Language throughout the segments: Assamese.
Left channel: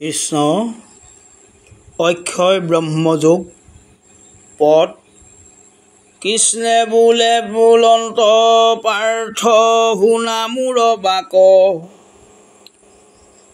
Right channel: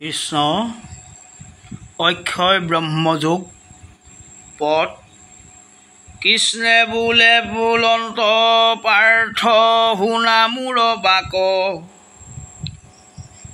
কৃষ্ণ অক্ষয় ব্ৰহ্মযোগ পদ কৃষ্ণে বোলে বুলন্ত পাৰ্থ শুনা মোৰ বাক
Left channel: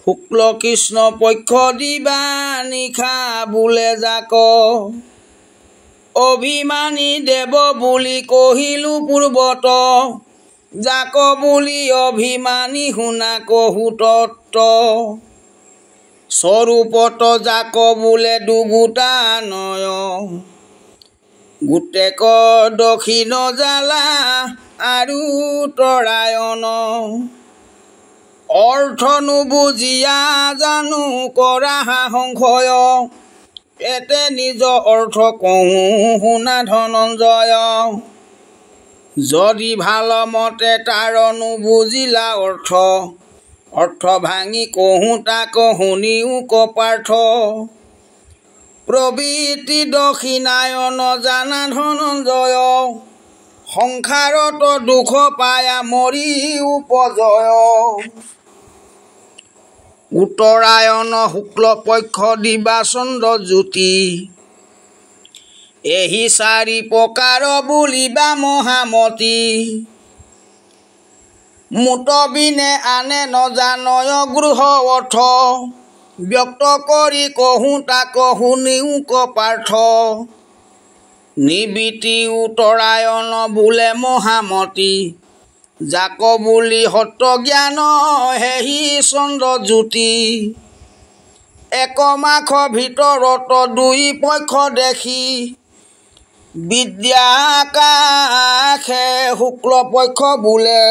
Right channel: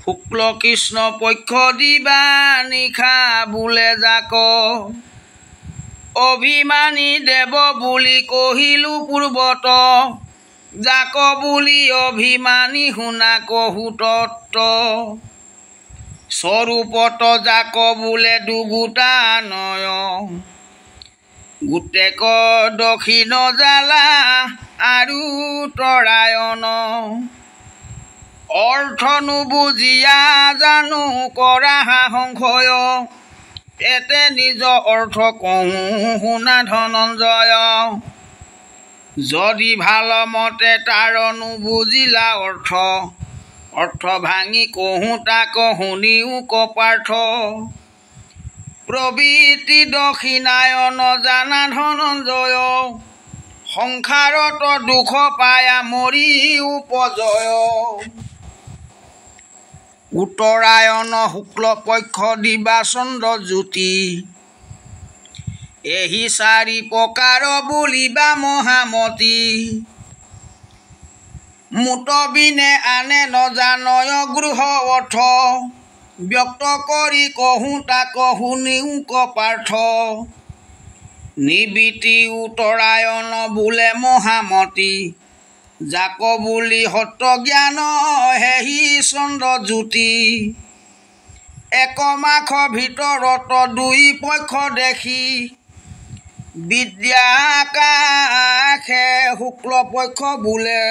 শুক্ল কৃষ্ণ পক্ষ দিবা নিশা বোলে যাক অভিমানী দেৱ বুলি কহিলো পূৰ্বত যাক বুলি অভিমানী শুনা কহু তত্ত্ব স্বৰূপত যাক বোলে দুগুটা নয় গোটেক দক্ষিণ জ্বালা আৰু তৰায়ণ অৰ্থ নুবুজিয়া জানো কৰা সংশয় এতে নিজ অৰ্থ কহোঁ শুনা ধনঞ্জয় যদি ভাল মতে তাৰ নুবুজিলা অৰ্থ ভাঙি কহোঁ তাক শুনিও কপাৰ্থ প্ৰবৃত্তি দক্ষিণায়ন জানা ধনঞ্জয় সংসাৰত দুখ পায়া মৰি উপজয় উত্তৰায়ণ শুক্ল পক্ষ দিবা চন্দ্ৰ জ্যোতি এহি চাৰি প্ৰকাৰ বুলিবা মহামতি মুতবিনে আনে নজানয় গৃহ অৰ্থ ব্যক্ত কৰি কহোঁ তাক শুনিও কপাৰ্থ নিবৃত্তি উত্তৰায়ণ বোলে মহামতি যাক বুলি সত্য জ্ঞান হেহি চন্দ্ৰ জ্যোতি একমাখ ভিতৰত দুই পক্ষ দেখি বিদ্যা আকাশে শুক্ল পক্ষ বোলে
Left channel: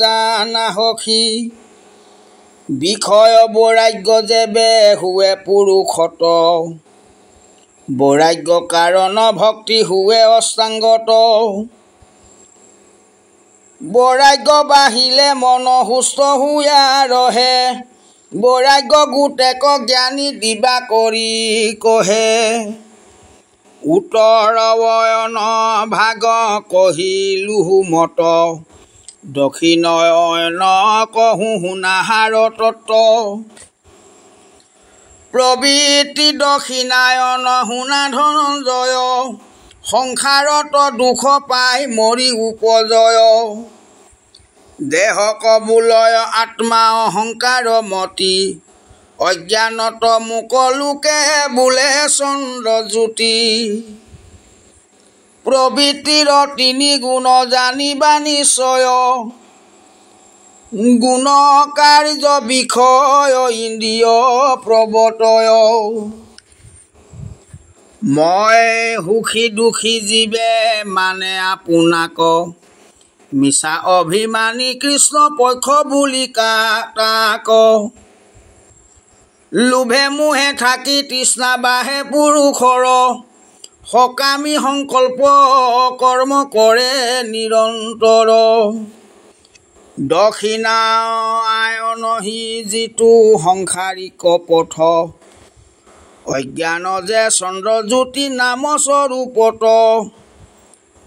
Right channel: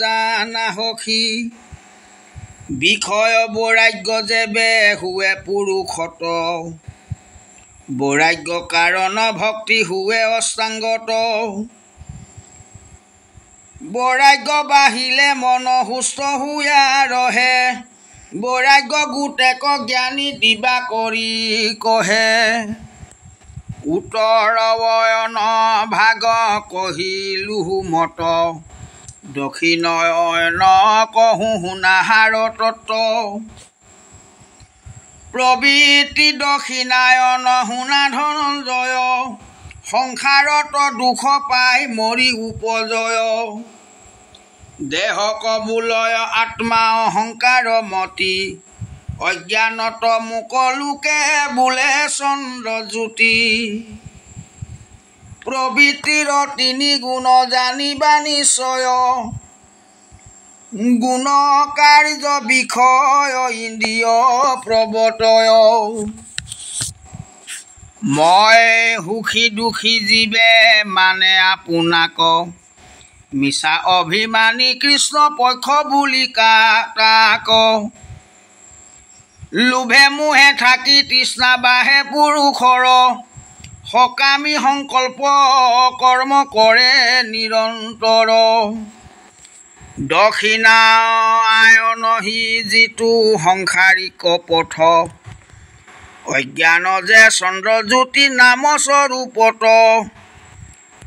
জানা সখী বিষয় বৈৰাগ্য যেবে হুৱে পুৰুষত বৈৰাগ্য কাৰণ ভক্তি হুৱে অষ্টাংগত বৈৰাগ্য বাঢ়িলে মন সুস্থ হুয়া ৰহে বৈৰাগ্য গোটেক জ্ঞানী দিবা কৰি কহে উত্তৰয়ন ভাগ কহিলো মত দক্ষিণয়ন কহোঁ শুনাহাৰ তত্ত্ব প্ৰবৃত্তি দক্ষিণায়ন শুনা ধনঞ্জয় সংসাৰত দুখ পাই মৰি উপজয় দেহ কবুলয় আত্মা অহংকাৰ মতি অজ্ঞানত মুকলোকে বোলে চন্দ্ৰ জ্যোতি প্ৰবৃত্তিৰ তিনি গুণ জানিবা নিশ্চয় গুণ কাৰ্য বিষয় ইন্দ্ৰিয় প্ৰৱৰ্তয় মই সুখী দুখী জীৱে মানে আপোনাক মিছা অভিমানী কৃষ্ণ পক্ষ বুলি তাক লোভে মোহে থাকি তৃষ্ণা বাঢ়ে পুৰুষৰ সকামী সংকল্প কৰ্ম কৰে নিৰন্তৰ দক্ষিণায়নহি যিটো সংসাৰিক পথ অজ্ঞান যে চন্দ্ৰ জ্যোতি নাম স্বৰূপত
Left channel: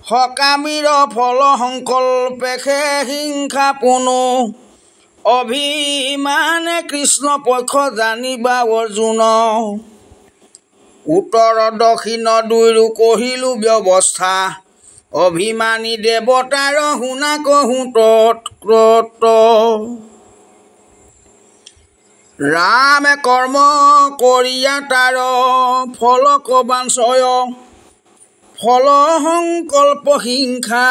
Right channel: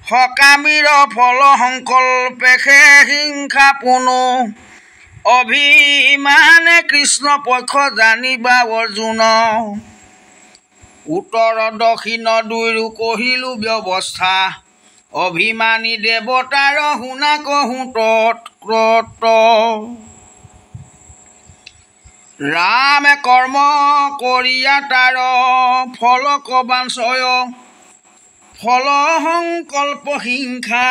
সকামীৰ ফল সংকল্পেষে হিংসা পুনু অভিমানে কৃষ্ণ পক্ষ জানিবা অৰ্জুন উত্তৰ দক্ষিণ দুয়ো কহিলো ব্যৱস্থা অভিমানী দেৱতাৰ শুনা কহোঁ তৎ ৰামে কৰ্ম কৰিয়া তাৰ ফল কবাঞ্চয় ফল সংকল্প হিংসা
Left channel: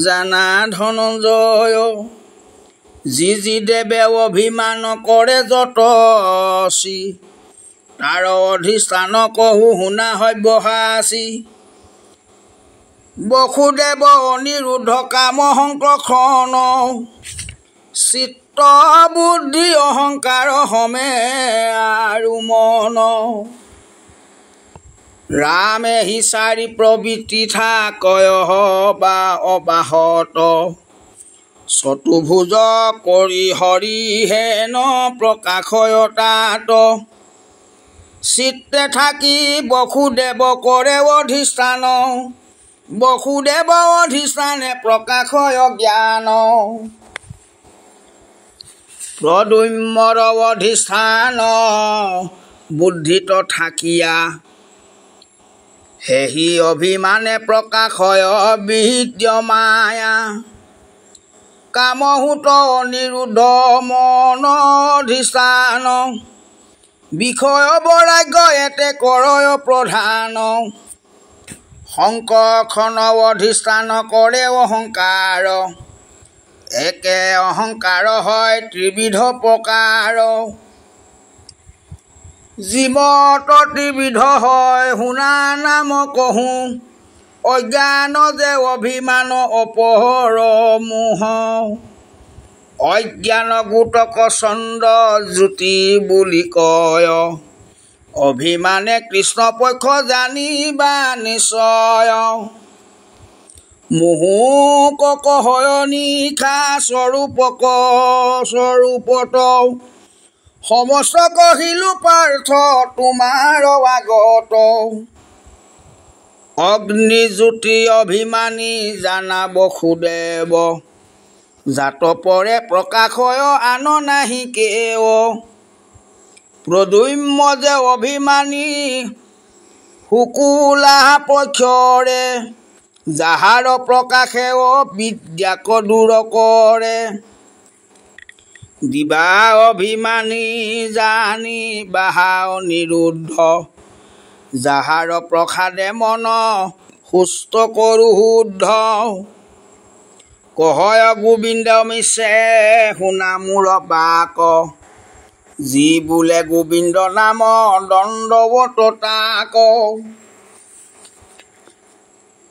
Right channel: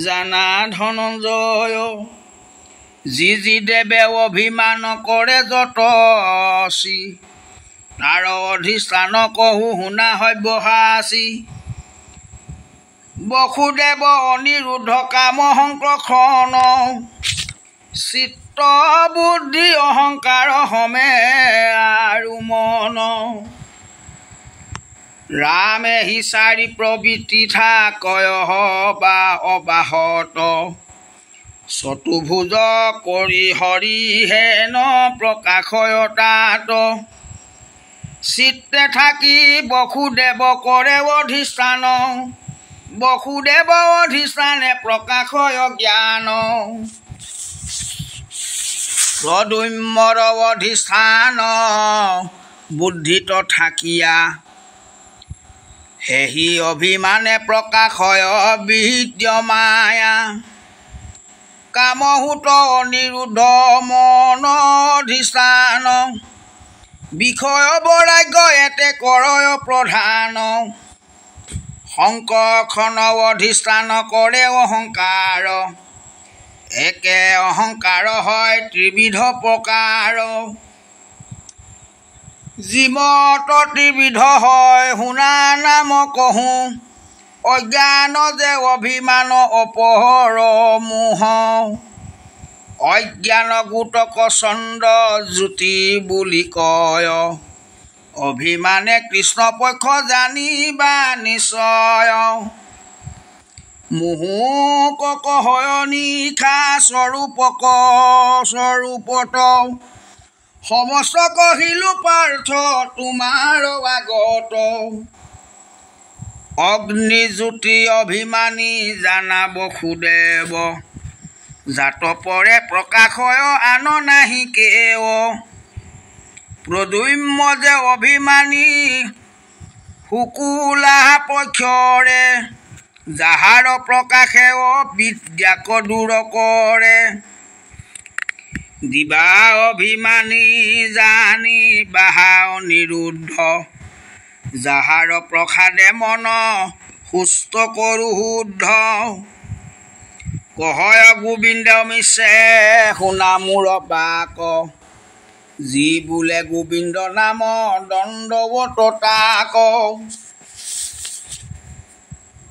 জানা ধনঞ্জয় যি দেৱে অভিমান কৰে যতচি তাৰ অধিষ্ঠান কহোঁ শুনা সব্যসাচী বসুদেৱ অনিৰুদ্ধ কাম সংকৰ্ষণ চিত্ত বুদ্ধি অহংকাৰ সমে আৰু মন ৰামে হি চাৰি প্ৰবৃত্তি থাকয় বা অবাহত চতুৰ্ভুজ কৰি হৰি হেন প্ৰকাশয় তাত চিত্তে থাকি বসুদেৱ কৰে অধিষ্ঠান বসুদেৱ অধিষ্ঠানে প্ৰকাশয় জ্ঞান প্ৰদ্যুম্নৰ অধিষ্ঠান বুদ্ধিত থাকিয়া সেহি অভিমানে প্ৰকাশ হয় বিদ্যমায়া কামহূত অনিৰুদ্ধ মনধিষ্ঠান বিষয় বৈৰাগ্য এতে কৰয় প্ৰধান শংকৰখন অধিষ্ঠান কৰে অহংকাৰ একে অহংকাৰ হয় ত্ৰিবিধ প্ৰকাৰ জীৱত ত্ৰিবিধ হয় শুনা নাম কহোঁ অজ্ঞান যে অভিমান অপহৰ মোহ অজ্ঞান গোটক চন্দ্ৰ জ্যোতি বুলি কয় অভিমানে কৃষ্ণ পক্ষ জানিবা নিশ্চয় মোহক হয় নিশা স্বৰূপক স্বৰূপত সমস্ত কহিলো পাৰ্থ তোমাৰ আগত অগ্নিজ্যোতি অভিমানী জানাব সুদেৱ জাত পৰে প্ৰকাশ হয় আন নাহি কেও প্ৰদ্যুম্ন যে অভিমানী শুকুলা পক্ষৰে যাহাৰ প্ৰকাশে বিদ্যাক দূৰ কৰে দিবা অভিমানী জানি বাহা অনিৰুদ্ধ যাহাৰ প্ৰসাদে মন সুস্থ কৰো শুদ্ধ কহয় গোবিন্দ মিছে শুনা মোৰ বাক যি বোলে গোবিন্দ নাম দণ্ডৱত তাক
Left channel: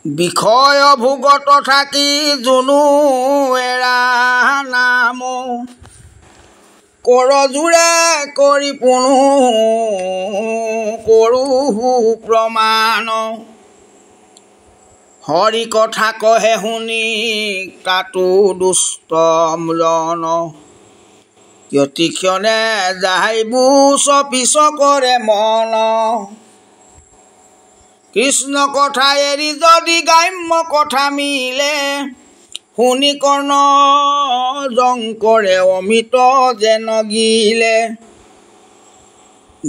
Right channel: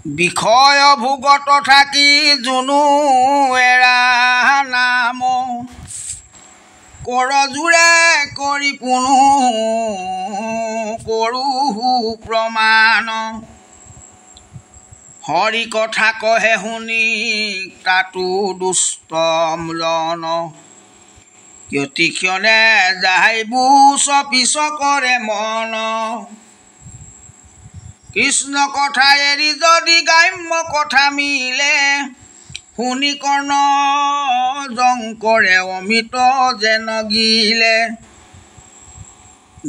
বিষয় ভোগত থাকি জুনু এৰা নাম কৰজোৰে কৰি পুনু কৰো প্ৰমাণ হৰি কথা কহে শুনি তাতো দুষ্ট ম্লন কিয়তিক্ষণে যাইবো পিছ কৰে মন কৃষ্ণ কথা এৰি যদি গ্ৰাম্য কথা মিলে শুনি কৰ্ণ জংকৰে অমিত যেন গিলে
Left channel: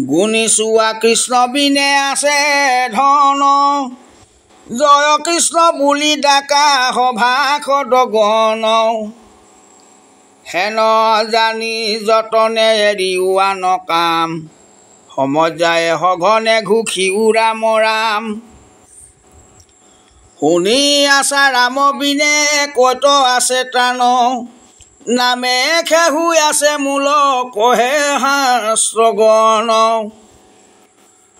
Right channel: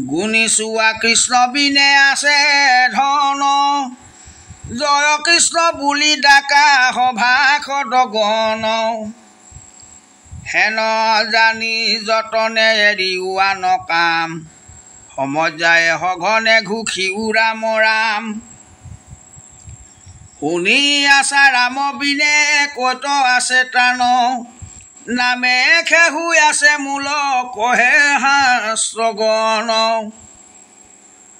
গুণী চোৱা কৃষ্ণ বিনে আছে ধন জয় কৃষ্ণ বুলি ডাকা সভাসদ গণ হেন জানি যতনে এৰিও আন কাম সময় যায় সঘনে ঘুখি ৰাম ৰাম শুনি আছা ৰাম বিনে কত আছে ত্ৰাণ নামে খেহুই আছে মূল কহে শাস্ত্ৰগণ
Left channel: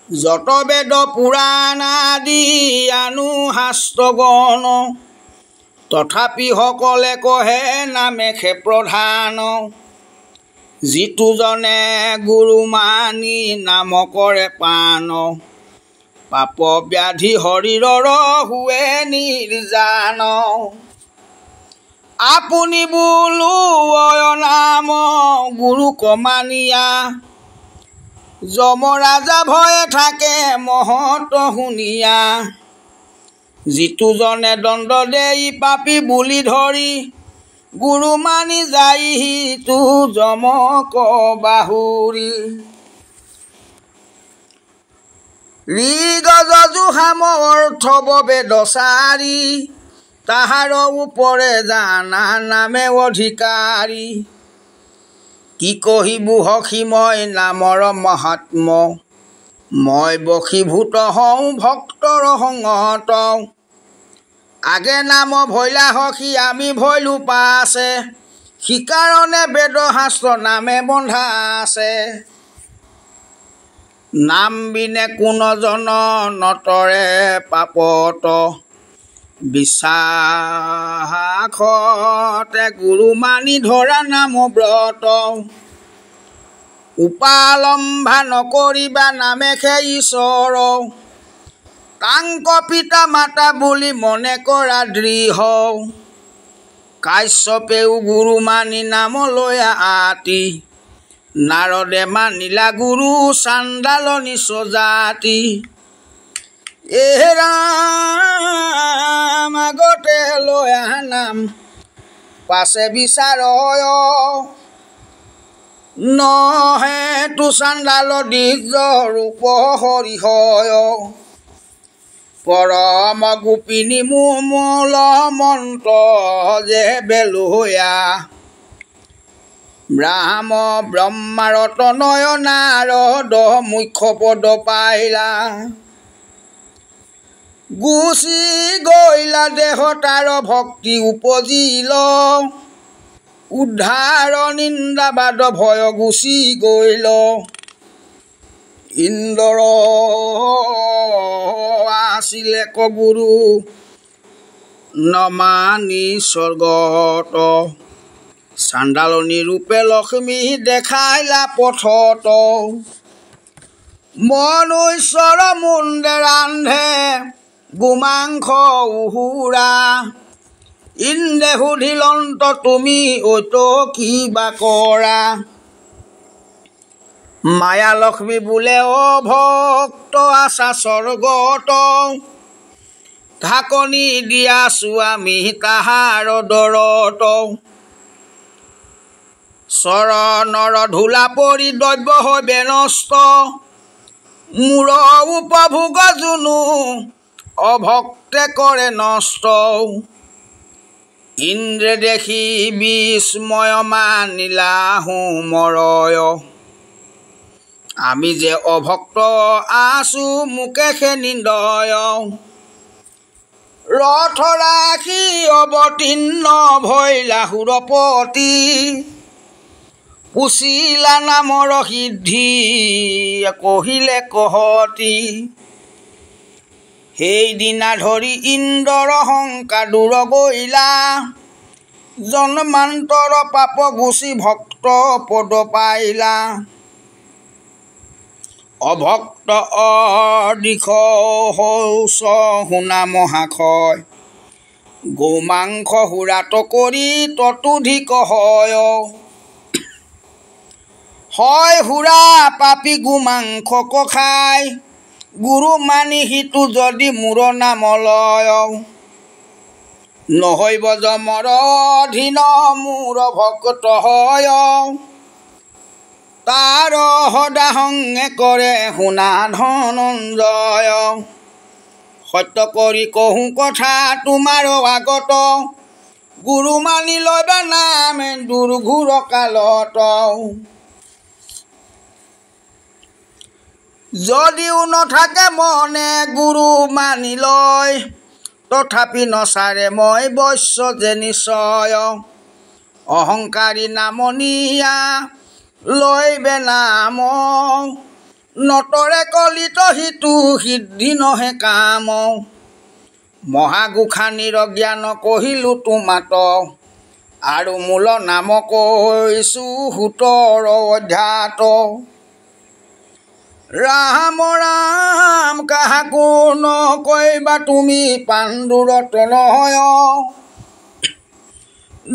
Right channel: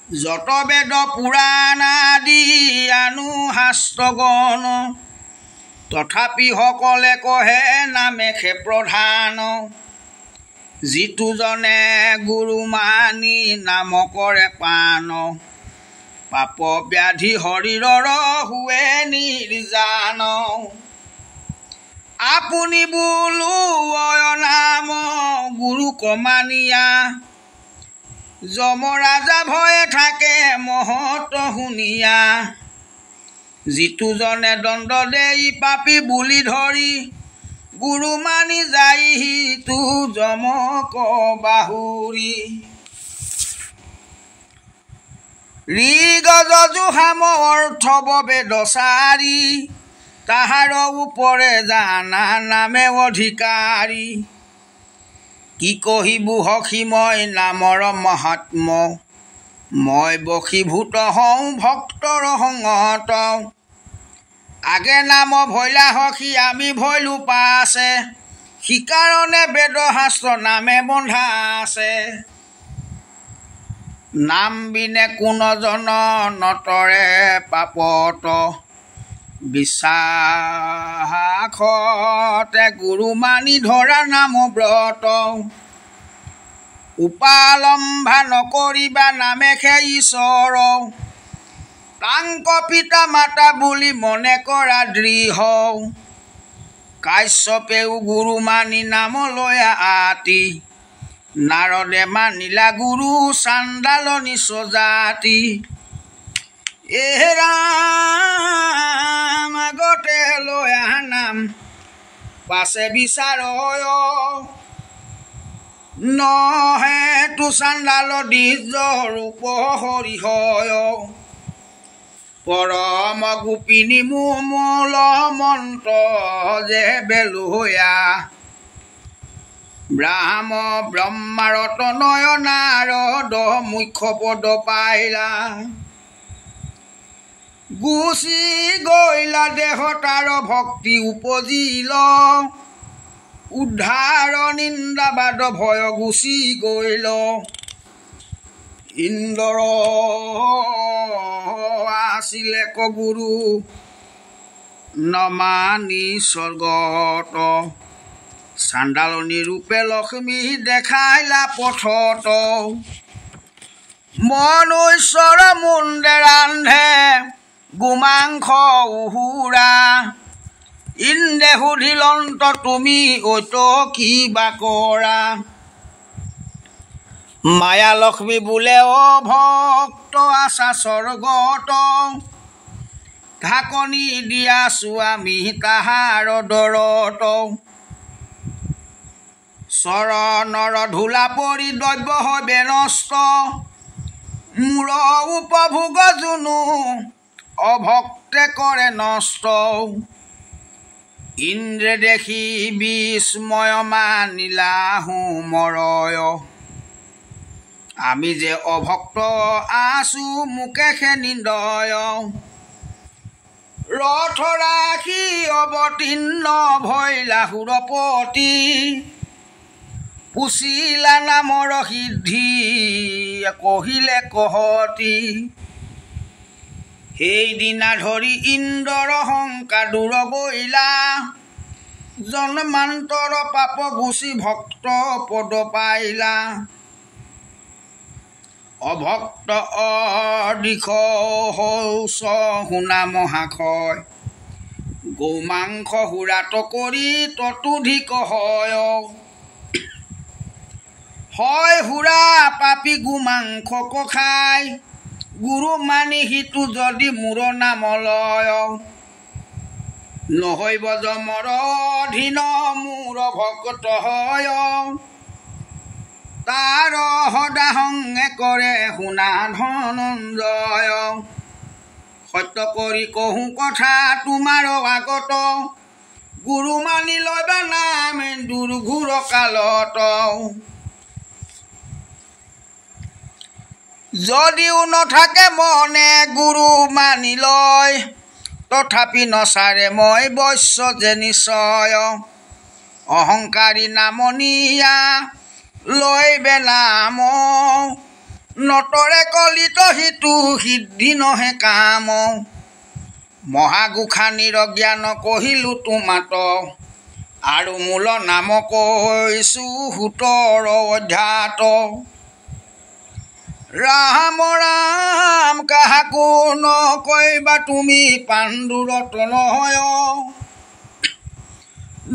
যত বেদ পুৰাণ আদি আনু শাস্ত্ৰগণ তথাপি সকলে কহে নামেশে প্ৰধান যিটো জনে গুৰু মানি নাম কৰে পান পাপ ব্যাধি শৰীৰৰ হুৱে নিৰ্জান আপুনি বোলো অয় নাম গুৰু কমানিয়া যমৰাজা ভয়ে থাকে মহত শুনিয়া যিটো জনে দণ্ড দেই পাপী বুলি ধৰি গুৰু মানি যাইহি তু যমক বাহুৰি ঋগ যজুষাম অৰ্থ বেদচাৰী তাহাৰ ওপৰে জানা নামে অধিকাৰী কি কহিবো সখীময় নামৰ মহাত্ম মই বশীভূত হওঁ ভক্তৰ সংগত আগে নাম ভৈলা সখী আমি ভৈলো পাছে সিকাৰণে বেদ শাস্ত্ৰ নামে বন্ধা আছে নাম বিনে কোনজন নতৰে পাপত বিশ্বাসতে গুৰু মানি ধৰা নাম ব্ৰত উপালম্ভা নকৰিবা নামেশে ঈশ্বৰ কাংক পিতা মাতা বুলি মনে কৰা দৃঢ় কাশ্যপেও গুৰু মানি নাম লৈ আতি নাৰদে মানিলা গুৰু চাণ্ডাল নিচ জাতি ৰাম আগতে লৈ নাম পাছে বিচাৰ নহে তু চাণ্ডাল দ্বিজ ৰূপ হৰিহয় পৰম গোপিনী মূল মন্ত্ৰ যে বেলোয়া ব্ৰাহ্ম ব্ৰহ্মাৰত নয়নাৰদ মুখ্য পদ পাইলা গুচি গৈলা দেহতাৰ ভক্তি উপজিল উদ্ধাৰ নিন্দাবাদ ভয় গুচি গৈল ইন্দ্ৰ আছিলে কগুৰু নমানি স্বৰ্গত চাণ্ডালনী ৰূপে লক্ষ্মী দেখাইলা পথত মনুষ্যৰ মুণ্ডে ৰান্ধে গোমাংস উহুৰা ইন্দ্ৰে সুধিলন্ত তুমি ঐত কিবা কৰা মায়া লক্ষ্মী বোলে অ ভক্ত আছা স্বৰ্গত ঢাকনি দিয়াছো আমি তাহাৰ দৰত চৰণৰ ধূলা পৰি দ্ৰব্য হয় বেনষ্ট মূৰ উপভোগ জুনু অভক্তে কৰে নষ্ট ইন্দ্ৰে দেখি বিস্ময় মানিলা হুমৰয় আমি যে অভক্ত আছো মুকেশে নিন্দয় ৰথ ৰাখি অৱতীৰ্ণ ভৈলা সুৰপতি পুচিলা নামৰ সিদ্ধি কহিলে কহতি সেইদিনা ধৰি ইন্দ্ৰৰ শংকা দূৰ গৈলা জন্মান্তৰ পাপ গুচি ভক্ত পদ পাইলা অভক্ত অদিশ শৌচ শুনা মহাশয় গোমাংস সুৰাত কৰি ততোধিক হয় হয় সুৰা পাপী গোমাংসক খাই গুৰু মানি সিটো যদি মূৰ নাম লয় নহৈব যমৰ অধীন মূৰ ভক্ত হয় তাৰ সদা সংগে কৰে শুনা ধনঞ্জয় সত্য কৰি কহোঁ কথা তোমাৰ আগত গুৰু মানি লবা নাম দুৰ্ঘোৰ কালত যদিও নাথাকে মনে গুৰু মানি লয় তথাপি নচাৰে মই বৈশ্য যে নিশ্চয় অহংকাৰী নামনিয়া লৈবে নাম নতৰে কলিত সিটো সিদ্ধি নহে কাম মহাগোসাঁনীৰ জ্ঞান কহিলো তোমাত আৰু মূল নাম কৈছো 17 অধ্যাত ৰাম ৰাম কাহাকো নকৈবা তুমি পাণ্ডুৰত নহয়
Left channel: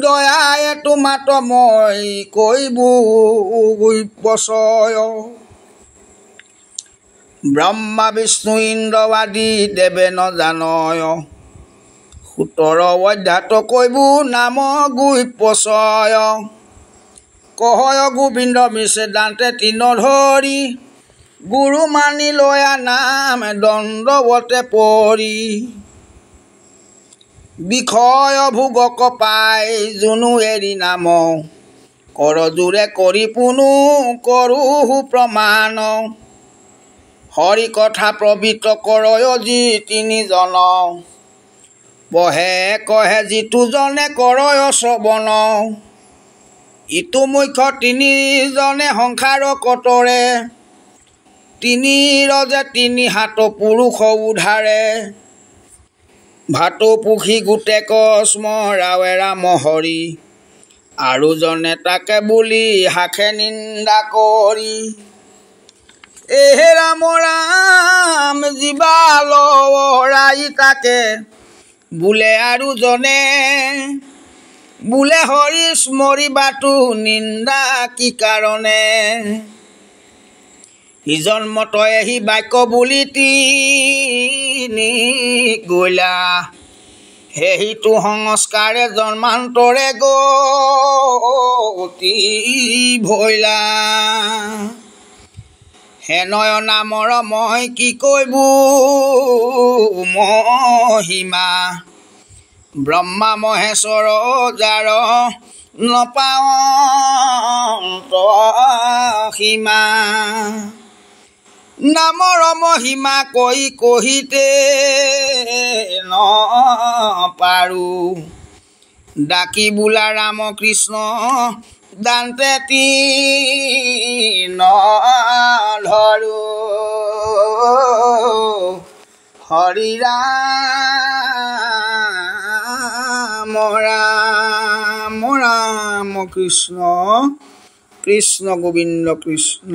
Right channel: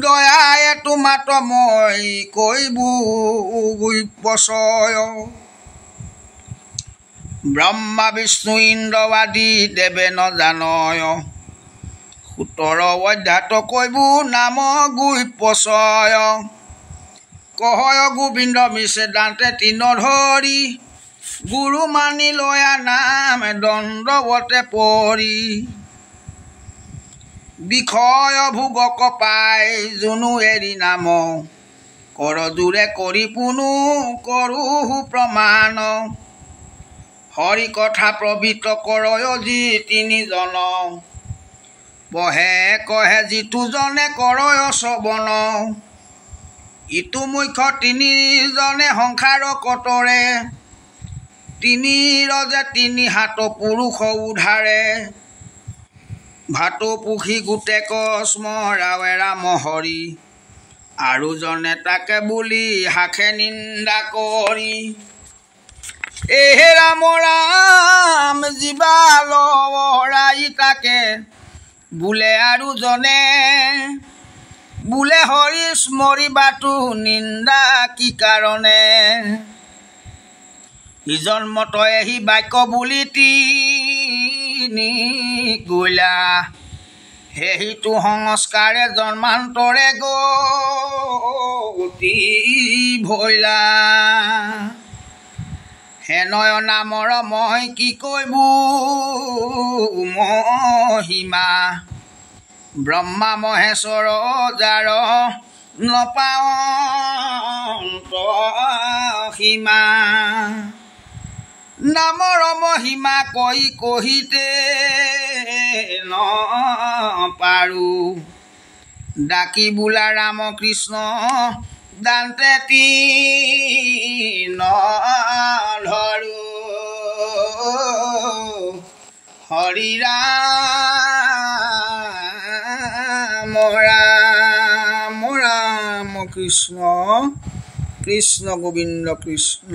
দয়ায়ে তোমাত মই কৈবো বচয় ব্ৰহ্মা বিষ্ণু ইন্দ্ৰ আদি দেৱে নজানয় 17 অধ্যাত কৈবো নাম গুইপচয় কহয় গোবিন্দ মিছে দান্তে তিন ধৰি গুৰু মানি লয়া নাম দণ্ডৱতে পৰি বিষয় ভোগক পাই জুনু এৰি নাম কৰ জোৰে কৰি পুনু কৰো প্ৰমাণ হৰি কথা প্ৰবৃত কৰয় যি তিনিজন বহে কহে যিটো জনে কৰয় শ্ৰৱণ ইটো মুখ্য তিনিজনে সংসাৰ কতৰে তিনি ৰজে তিনি হাত পুৰুষ উধাৰে ভাটৌ পুখি গোটেক স্মৰাৱে ৰাম হৰি আৰু জনে তাকে বুলি হাখে নিন্দা কৰি এহে ৰাম ৰাম জীৱা লৰাই তাকে বোলে আৰু জনে বোলে হৰি স্মৰিবাতো নিন্দা কি কাৰণে জন্মতয়ে সি বাক্য বুলি তিনি গলা সেইটো সংস্কাৰে জন্মান্তৰে গতি ভৈলা হেনয় নামৰ মই কি কৈবো মহিমা ব্ৰহ্মা মহেশ্বৰ যাৰ নপাৱন্ত সীমা নামৰ মহিমা কৈ কহিতে নপাৰো ডাকি বোলা ৰাম কৃষ্ণ দান্তে ধৰো হৰি ৰাম ৰাম ৰাম কৃষ্ণ কৃষ্ণ গোবিন্দ কৃষ্ণ